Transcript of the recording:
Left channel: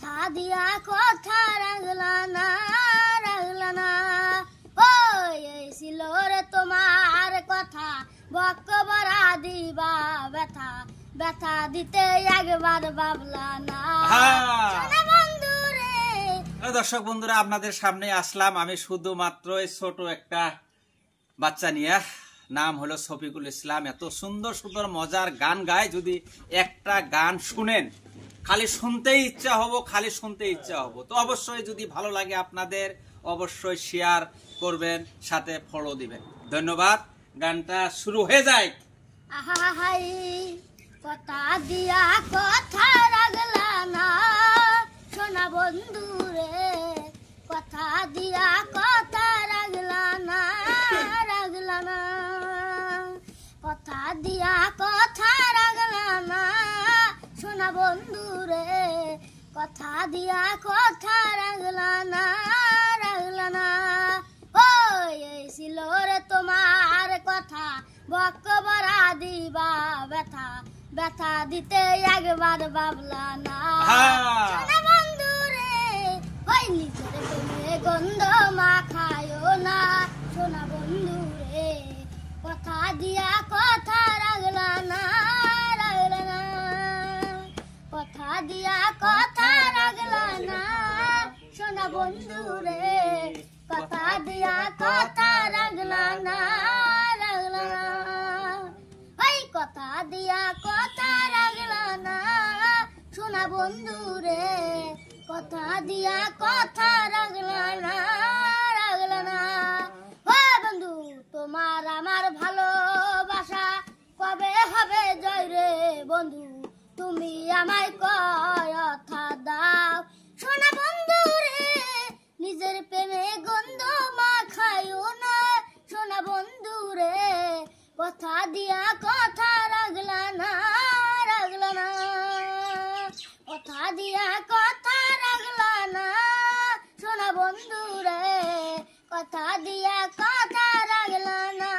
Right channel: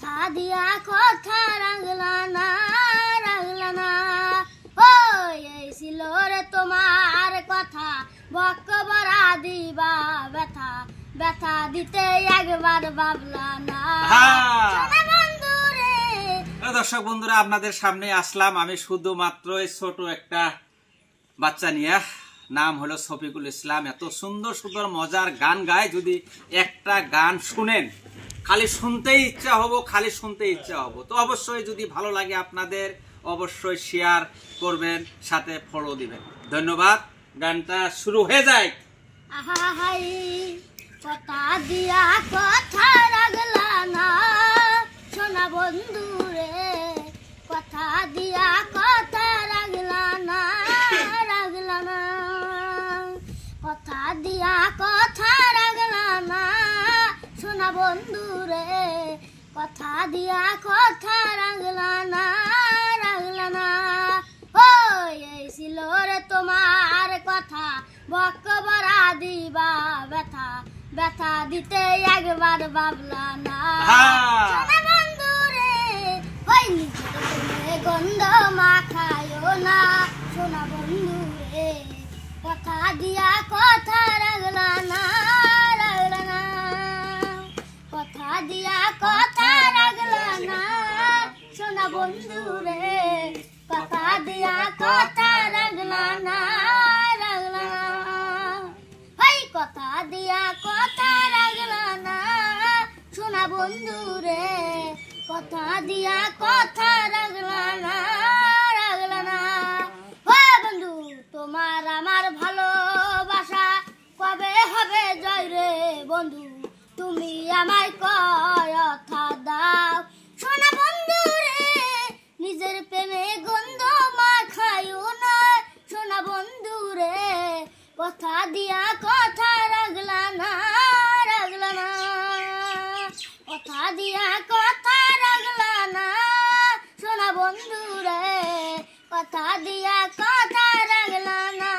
কথা দিয়া কথা রাখলা না ওই এই ছিল রে তোমার কথা বক্ক বরা দিবা ব্যথা ব্যথা দিতে একবার ভাবলা না বন্ধু রে। দর্শক বন্ধুরা, আপনাদের সামনে আসলাম আমি শুধুমাত্র ছোট একটা বাচ্চা নিয়ে, নাম হলো শফিকুল ইসলাম। এত সুন্দর সুন্দর মজার গান গায়, যদি একটা গান শুনেন খালি শুনতেই ইচ্ছা হবো, খালি শুনতে ইচ্ছা হবো। তো অবশ্যই যদি ভালো লাগে আপনাদের অবশ্যই শেয়ার করবেন, সাথে ফলো দিবেন। ধন্যবাদ। গানটা শুরু হয়ে যায়। আহাই কথা দিয়া কথা রাখলা না সোনা বন্ধু রে, কথা দিয়া কথা রাখলা না কথা দিয়া কথা রাখলা না সোনা বন্ধু রে, কথা দিয়া কথা রাখলা না ওই এই ছিল রে তোমার কথা বক্ক বরা দিবা ব্যথা ব্যথা দিতে একবার ভাবলা না বন্ধু রে। ওই নিজের প্রেমে গন্ধ মাখায়ো না সোনা বন্ধু রে, কথা দিয়া কথা রাখলা না কথা দিয়া কথা রাখলা না সোনা বন্ধু রে, কথা দিয়া কথা রাখলা না ওই কথা দিয়া কথা রাখলা না সোনা বন্ধু রে, কথা দিয়া কথা রাখলা না ও বন্ধু তোমার আমার ভালোবাসা কবে হবে জয় রে বন্ধু, তুমি আমায় কথা দাও সোনা বন্ধু রে, নিজের প্রেমে গন্ধ মাখায়ো না সোনা বন্ধু রে, কথা দিয়া কথা রাখলা না কথা দিয়া কথা রাখলা না সোনা বন্ধু রে, কথা দিয়া কথা রাখলা না।